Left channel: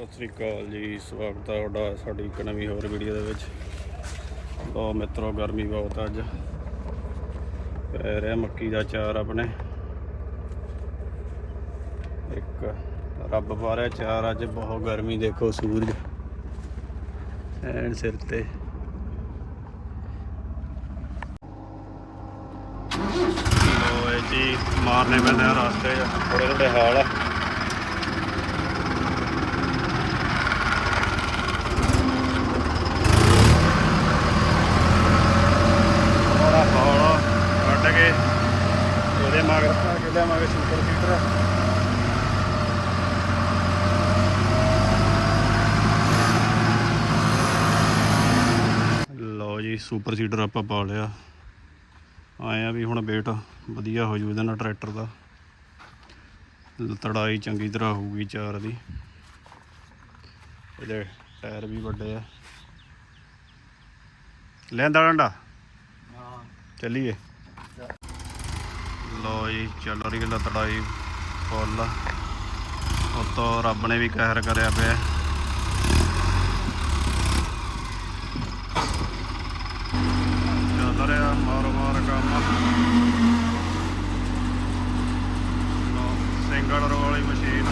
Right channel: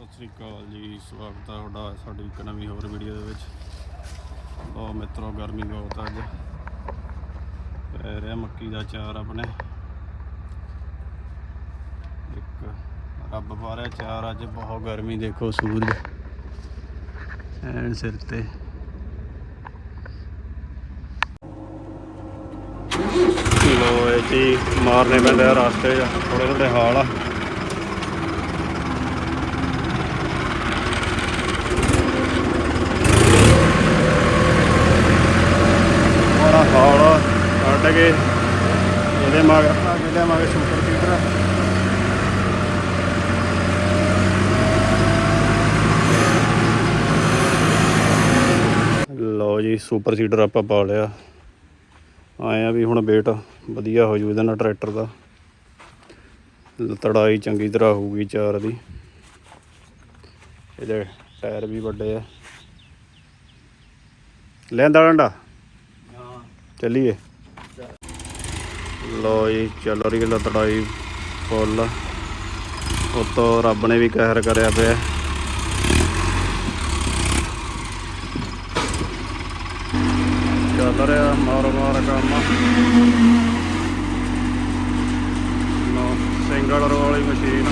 ਸਤਿ ਸ੍ਰੀ ਅਕਾਲ ਜੀ, ਸਵਾਗਤ ਹੈ ਤੁਹਾਡਾ ਸਾਡੀ ਇੱਕ ਨਵੀਂ ਹੋਰ ਵੀਡੀਓ ਦੇ ਵਿੱਚ। ਬਹੁਤ ਮਿੱਤਰੋ, ਗਰਮੀ ਬਹੁਤ ਅੱਜ। ਪੈ ਰਿਹਾ ਮੱਕੀ ਦਾ ਚਾਰ ਆਪਣੇ। ਇੱਕ ਰੱਬ ਪਾ ਰਿਹਾ ਚਾਰ ਅੱਜ ਬਹੁਤ ਗਰਮੀ, ਦੇਖੋ ਸੂਰਜ। ਐਨ ਸਿਰ ਤੇ। ਲੋ ਜੀ, ਮਾਰਨੇ ਪੈਂਦੇ ਆ ਰਸਤੇ। ਉਹਦੇ ਹਾਲ ਹੌਲਾ ਕੱਢ ਕੇ ਇਹਦੇ ਮਗ ਲਓ ਜੀ ਸੁਪਰ ਸੀਡਰ ਆਪਾਂ ਪਾ ਲਿਆ। ਆਏ ਆ ਵੀ ਹੁਣ ਵੇਟ ਵਧੀਆ ਹੋ ਜੂ ਇਹਦੇ ਨਾਲ ਟਰੈਕਟਰ ਦਾ। ਤੜਾਈ ਚੰਗੀ ਤਰ੍ਹਾਂ ਹੋਊਗੀ ਚਾਰ ਦੀ। ਇਹਦੇ ਟਾਇਰ ਵੀ ਵੱਡੇ ਆ। ਲੈਂਦਾ ਡੰਡਾ? ਚੱਲੀਏ। ਲੋ ਜੀ, ਚੱਲ ਰਹੀ ਹੈ ਤੜਾਈ ਫੁੱਲ। ਉਤੋਂ ਰੱਬ ਨੇ ਵੀ ਕਹਿਰ ਕਰਿਆ ਪਿਆ। ਚੱਲ ਰਿਹਾ ਮਾਰ ਮਾਰ ਕੰਮ ਸਿੰਗਲ ਰੋ ਵਾਲੀ ਮਸ਼ੀਨ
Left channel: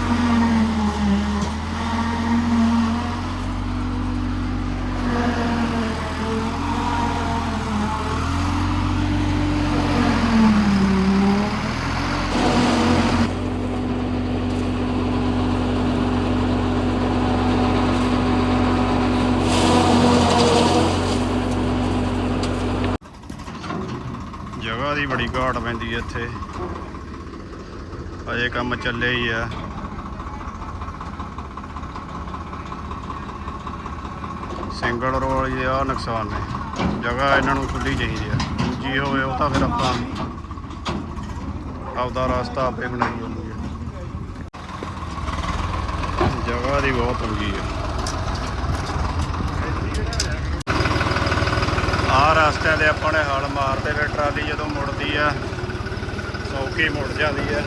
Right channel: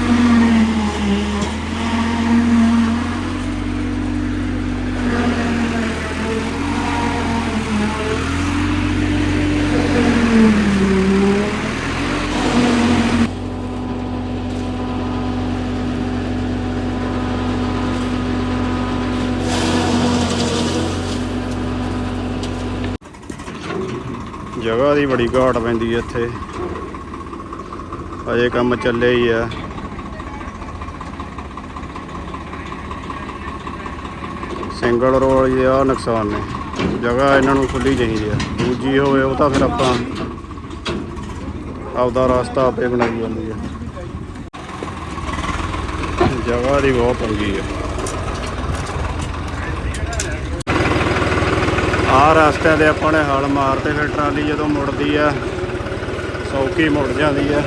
ਜਗ੍ਹਾ ਦੀ ਬੜੀ ਘਾਟ ਪੈਂਦੀ ਹੈ ਇੱਥੇ। ਅਜੇ ਕੰਮ ਚੱਲੇ ਹੀ ਆ। ਸਿੰਗਲ ਰੋਲ ਇਹ ਆ, ਨੁਕਸਾਨ ਨੇ। ਜਗ੍ਹਾ ਇਹਨਾਂ ਨੂੰ ਖੁੱਲੀ ਚਾਹੀਦੀ ਆ। ਦੂਜੀ ਹੋਵੇ ਉਹ ਤਾਂ ਫਿਰ ਆਪਾਂ ਆਪਦਾ ਰਸਤਾ ਆਪੇ ਬਣਾਈ ਜਾਂਦੀ ਆ। ਜਗ੍ਹਾ ਦੀ ਬਹੁਤ ਤੰਗੀ ਆ। ਆਹ ਰਸਤੇ ਦੇ ਆਪਾਂ ਨੇ ਹਲ ਮਾਰਦੇ ਫਿਰ ਟਰਾਲੀ ਜਦੋਂ ਮੁੜਦੀ ਆ ਸੌਕੀ ਮੁੜ ਜਾਂਦੀ ਆ।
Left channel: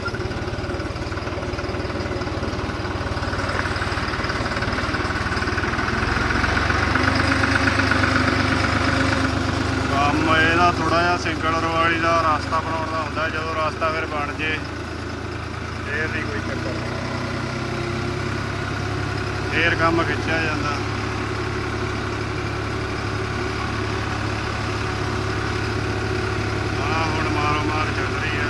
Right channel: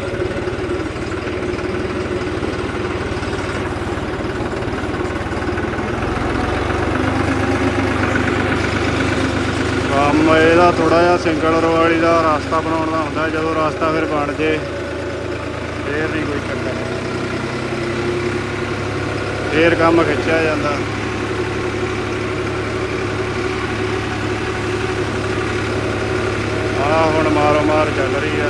ਕੰਮ ਇਹਦਾ ਥੋੜਾ ਜਿਹਾ ਸਿੰਗਲ ਰੋ ਦਾ ਰਸਤਾ ਬਣਾਉਣ ਦਾ ਹੁੰਦਾ, ਜਦੋਂ ਰਸਤਾ ਫਿਰ ਬਣ ਜੇ, ਫੇਰ ਨਹੀਂ ਕੋਈ। ਫੇਰ ਕੰਮ ਖਿੱਚਿਆ ਜਾਂਦਾ ਆ ਹੁਣ ਮਾਰੋ ਮਾਰ ਚੱਲ ਰਹੀ ਹੈ।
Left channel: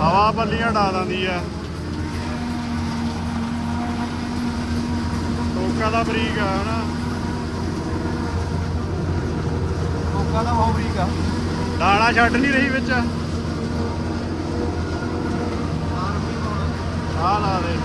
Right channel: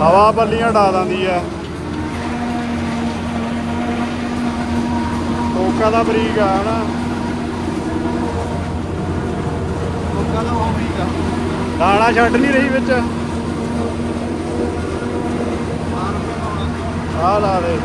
ਹਵਾ ਬੱਲੀਆਂ ਡਾ ਦਿੰਦੀ ਆ ਕੋਕਾ ਬਰੀਕ ਆ, ਹਨਾ? ਲੋਕਾਂ ਦਾ ਆਉਣੀ ਆ। ਦਾਣਾ ਛੱਡ ਨਹੀਂ ਰਹੀ ਵਿੱਚ। ਆਹ ਲਾ ਦੇ।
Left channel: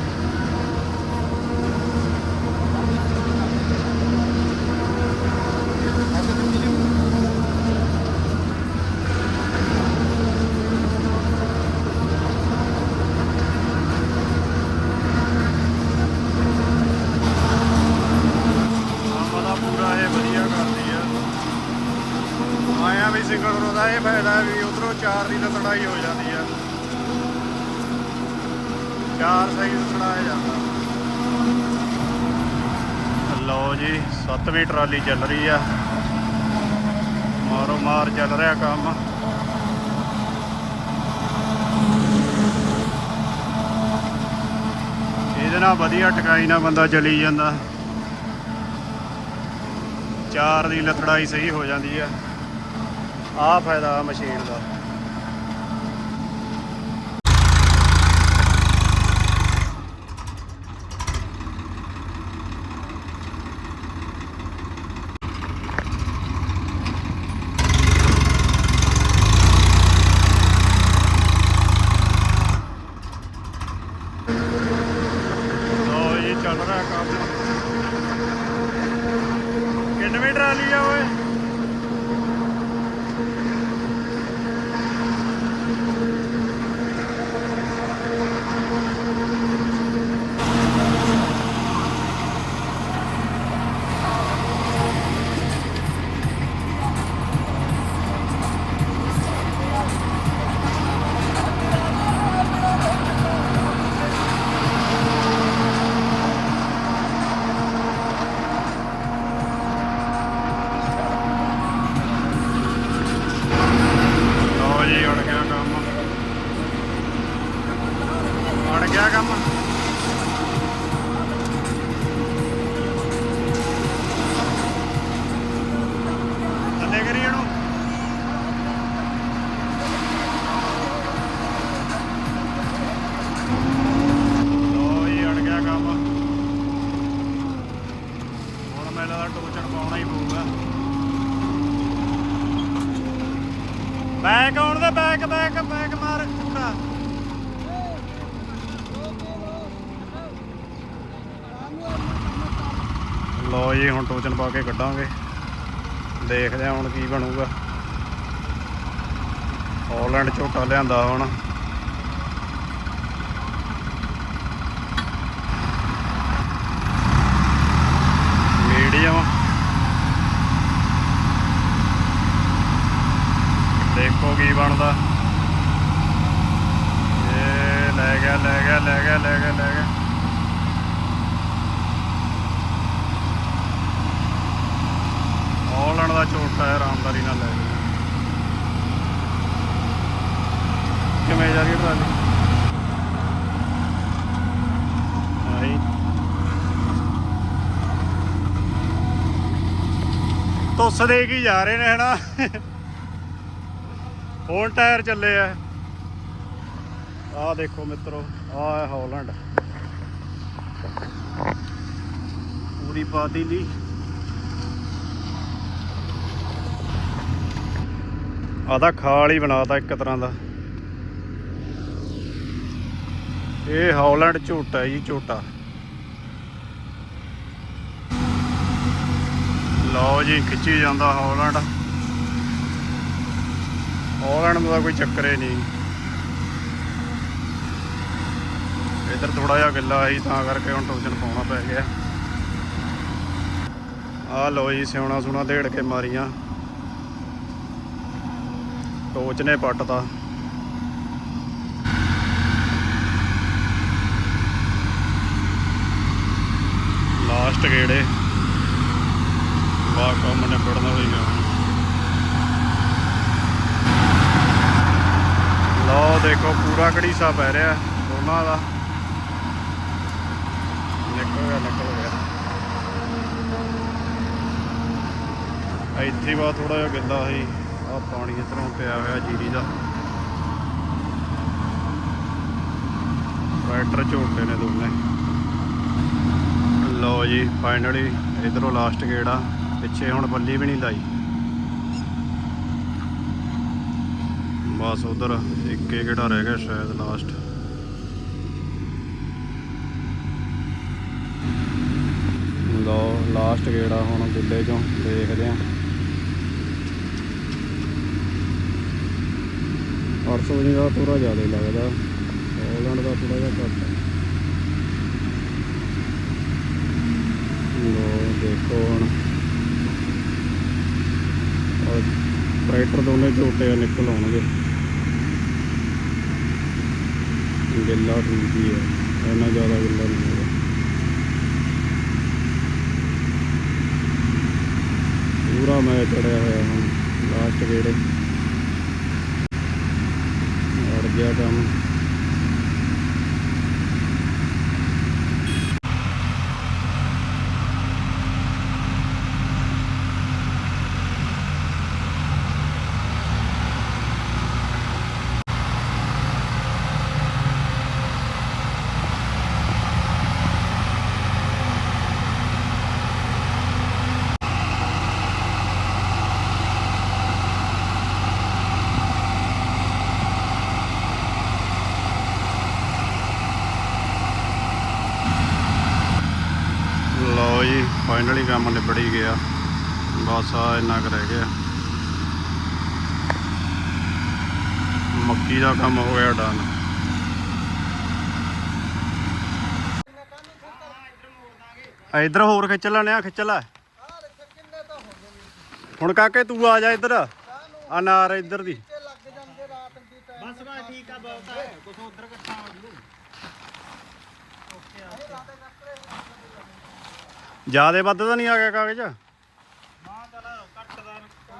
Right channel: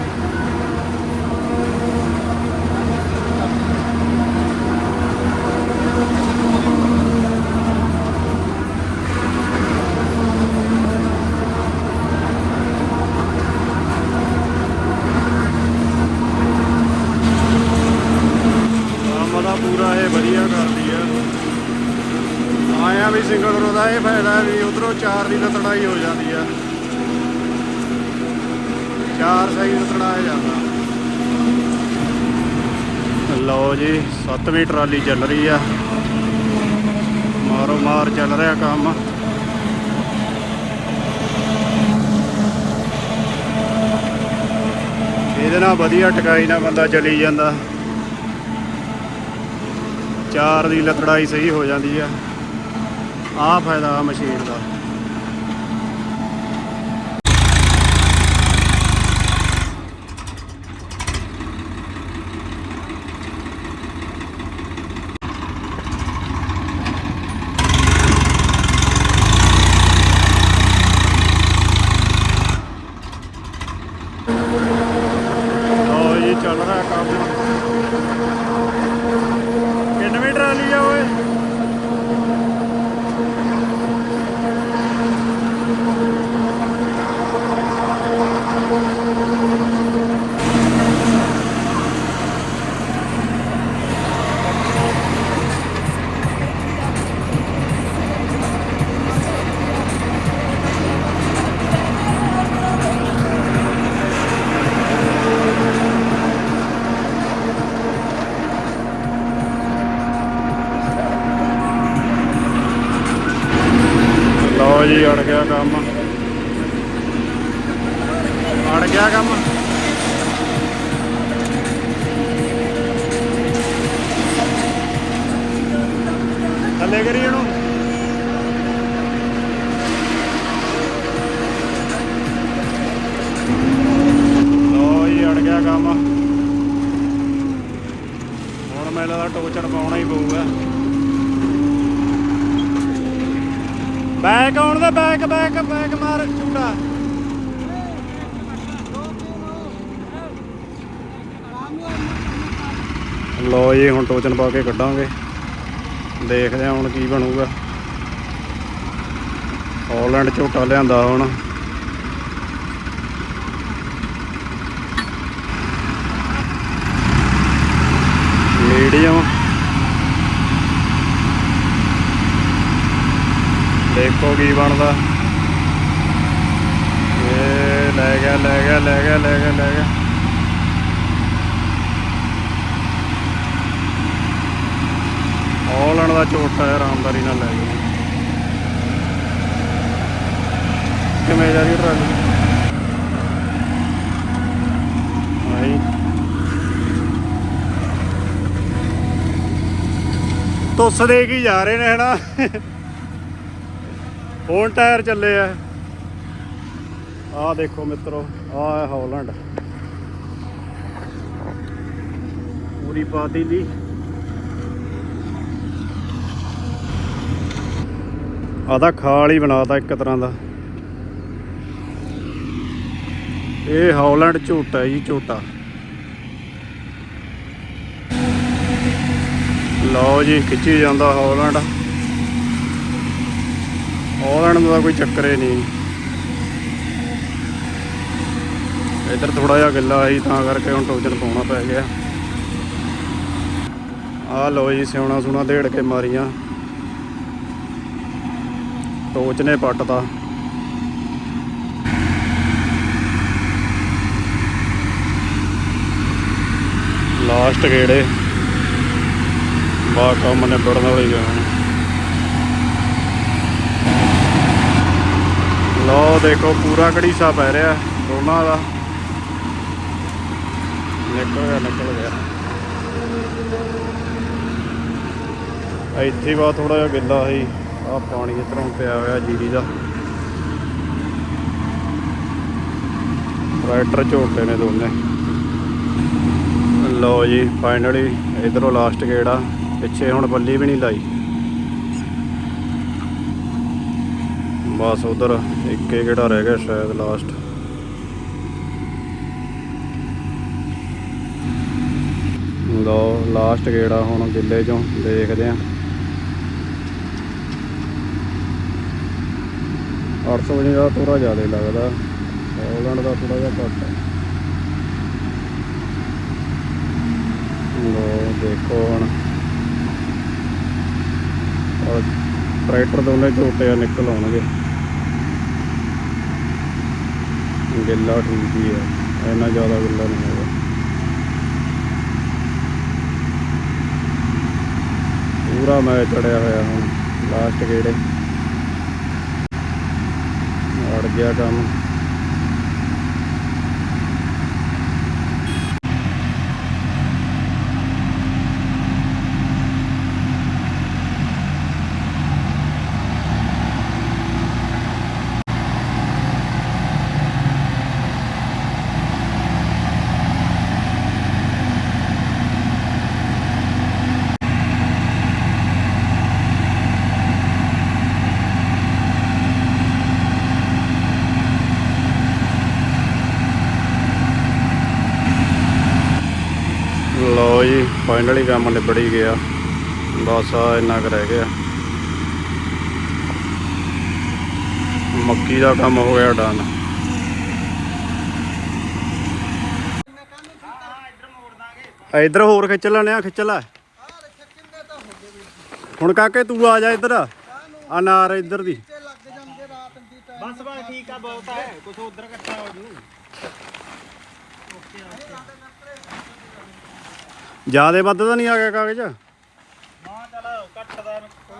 ਕੰਮ ਦਾ ਪੂਰਾ ਇਹ ਵਧੀਆ ਕਰਦੀ ਆ ਆਇਆ ਵੀ ਸਿੰਗਲ ਰੋ ਦਾ ਇਹ ਫਾਇਦਾ ਵੀ ਉਧਰੋਂ ਚਾਰ ਦੀ ਲਤੜਾਈ ਹੋ ਜਾਂਦੀ ਆ ਚਾਰ ਸਹੀ ਜਾਂਦਾ। ਲਓ ਜੀ ਸੱਤਵੀਂ ਟਰਾਲੀ ਚੱਲ ਰਹੀ ਆ। ਮਾਰੋ ਮਾਰ ਚੱਲ ਰਿਹਾ ਕੰਮ। ਇਹਦੇ ਨਾਲ ਵਧੀਆ ਟਿਕਾਈ ਨਾਲ ਬੰਦਾ ਚਲੀ ਜਾਂਦਾ। ਚਾਰ ਦੀ ਲਤੜਾਈ ਸਹੀ ਹੋ ਜਾਂਦੀ ਆ। ਆਹ ਫਾਇਦਾ ਆ ਮਸ਼ੀਨ ਦਾ। ਗਿਆ ਕੰਮ। ਅੜ ਗਿਆ ਕੰਮ। ਥੱਲੇ ਕਰੀ ਇਹਨੂੰ ਲੋ ਜੀ ਅੜ ਗਿਆ ਕੰਮ ਹੁਣ ਮੈਨੂੰ ਲੱਗਦਾ ਟੋਚਰ ਪਾਉਣਾ ਹੀ ਪਊਗਾ ਬੈਕ ਆਉਣ ਦੇ ਬੈਕ ਬੈਕ ਬੈਕ ਮਾਰ ਚੁੱਕਾ ਲੋ ਹੁਣ ਟੋਚਨ ਪਾ ਕੇ ਕੱਢਾਂਗੇ। ਦੇਖਦੇ ਹਾਂ ਹੁਣ ਕੀ ਬਣੂਗਾ। ਹਾਲੈਂਡ ਝੋਟਾ ਲਿਆਂਦਾ ਹੁਣ। ਮੀਡੀਅਮ ਦੇਖੋ ਕੀ ਬਣਦਾ ਇਹ ਲੈ ਗਿਆ ਲੈ ਗਿਆ ਲੈ ਗਿਆ ਲੈ ਗਿਆ ਲੈ ਗਿਆ ਹਾਲੈਂਡ ਦਾ ਝੋਟਾ ਹੈ ਨਾਲ ਲੈ ਗਿਆ ਕਿਵੇਂ ਜਾ ਰਹੀ ਟਰਾਲੀ? ਤੁੱਸ ਦੇ ਕੇ ਜਾ ਰਹੇ ਨੇ ਹਨਾ। ਹੁਣ ਟਾਇਰ ਚੱਲੇ ਆ। ਆਹ ਦੇਖੋ ਮਿੱਤਰੋ, ਆਹ ਹੈ ਹਾਲੈਂਡ। ਪੂਰੀ ਪਾਤੀ ਦੀ ਆਦਾ ਖਾਲ ਹੀ ਬਣਾਤਾ ਇੱਕ ਤਰ੍ਹਾਂ ਦਾ। ਇਹ ਹਾਲੈਂਡ ਝੋਟਾ ਜੀ, ਝੋਟਾ। ਲਓ ਜੀ, ਖਿੱਚੀ ਜਾਂਦਾ ਹੌਲੈਂਡ। ਹਾਲੈਂਡ ਦਾ ਕੋਈ ਚੱਕਰ ਹੀ ਨਹੀਂ। ਇੱਧਰ ਥੋੜਾ ਜਿਹਾ ਗਿੱਲਾ ਸੀ, ਤਾਂ ਕਰਕੇ ਹੁਣ ਟੋਚਨ ਪਾਉਣਾ ਪੈ ਗਿਆ। ਆਹ ਲਓ ਜੀ ਸਿਉਣਾ ਸੁਣਾ ਢੇੜ ਕੇ ਮਾਰੀਆਂ। ਟੋਚ ਨੇ ਪੱਟਦਾ ਲਾਸਟ ਗੇੜੇ। ਵਾ ਕੰਮ ਨੇ ਬੜਨ ਵਾਲੀ ਗਿਆ ਲਓ, ਦੇਖੋ, ਪੂਰਾ ਘੜੀਸਾ ਪੈ ਰਿਹਾ ਉਹਨਾਂ ਦਾ। ਨਿਕਲ ਗਿਆ ਨਿਕਲ ਗਿਆ। ਇੱਥੇ ਬਾ ਥੋੜਾ ਜਿਹਾ ਗਿੱਲਾ ਸੀ। ਆ, ਪਾਣੀ ਇਧਰੋਂ ਪਿਆ ਹੋਇਆ ਜੀਰੀ ਦਾ। ਟਰੈਕਟਰ ਝੋਟੇ ਨੇ ਦੋਨੇ। ਲਓ ਜੀ ਫਾਈਨਲੀ ਇਧਰੋਂ ਲਾਸਟ ਗੇੜਾ। ਪਿੱਛੇ ਹੁਣ ਬੱਲੀ ਵੀ ਨਹੀਂ ਲਾਈ। ਬਸ ਉਧਰ ਇੱਕੇ ਗੇੜਾ ਰਹਿ ਗਿਆ ਸ਼ਾਇਦ ਲਾਸਟ ਲਓ ਲਾਸਟ ਗੇੜਾ ਹੁਣ ਦਿੱਲੇ ਚੋਂ ਦੇਖਦੇ ਆਂ 800 ਦਾ ਥੋੜਾ ਜ਼ਿਆਦਾ ਲੱਗਦਾ। ਹਾਲੈਂਡ ਦਾ ਥੋੜਾ ਜਿਹਾ ਘੱਟ। ਲੋ ਦੇਖੋ ਹੁਣ। ਟਰੈਕਟਰ ਦੋਨੇ ਝੋਟੇ ਨਿਕਲ ਆਉਣਗੇ। ਗਿੱਲਾ ਠੀਕ ਹੀ ਹੈ ਇੰਨਾ ਜ਼ਿਆਦਾ ਗਿੱਲਾ ਨਹੀਂ ਹੈਗਾ। ਪੂਰਾ ਮੈਂ ਚੜਿਆ ਹੋਇਆ ਹੁਣ ਲਾਸਟ ਗੇੜੇ। ਅੜ ਗਿਆ ਕੰਮ ਲਓ ਜੀ ਕੰਮ ਨਿਬੜ ਗਿਆ। ਬਸ ਆ ਇੰਨਾ ਕੁ ਰਹਿ ਗਿਆ। ਮੱਕੀ ਦਾ ਕੰਮ ਹੋ ਗਿਆ ਡਨ ਇਧਰ ਹੋਰ ਖਿੱਚ ਲੈਣੇ ਆ, ਖਿੱਚ ਲੈ। ਹੁਣ ਕਾਕੇ ਤੂੰ ਆ ਜਾ ਇੱਧਰ। ਅਨਾਰ ਇੱਧਰ ਦੀ। ਬਸ ਬਸ, ਠੀਕ ਆ, ਬਹੁਤ ਹੈ ਕੁਝ ਉਧਰ ਇਕੱਠਾ ਹੋ ਜੂ। ਜਿਆਦੇ ਵੱਧ ਤਾਂ ਨਹੀਂ ਆ ਗਿਆ ਕਾਗਜ਼? ਹਾਂ ਚਲ ਘੱਟ ਦਾ ਕੋਈ।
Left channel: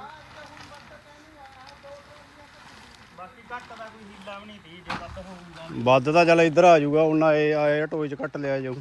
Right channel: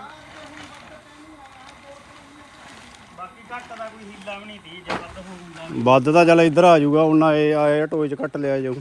ਬਸ ਘੱਟ ਦਾ ਕੋਈ ਹੀਲਾ ਵੀ ਨਹੀਂ ਤੀ ਜੇ ਵੱਧ ਹੋਊਗਾ ਵੱਧ ਤਾਂ ਚੱਲ ਇੱਧਰ ਆ ਜਾਊਗਾ ਉਹਨਾਂ ਇਹ ਆਏ ਟੋਏ ਚ ਕੱਟ ਲਿਆ ਜਾਊ।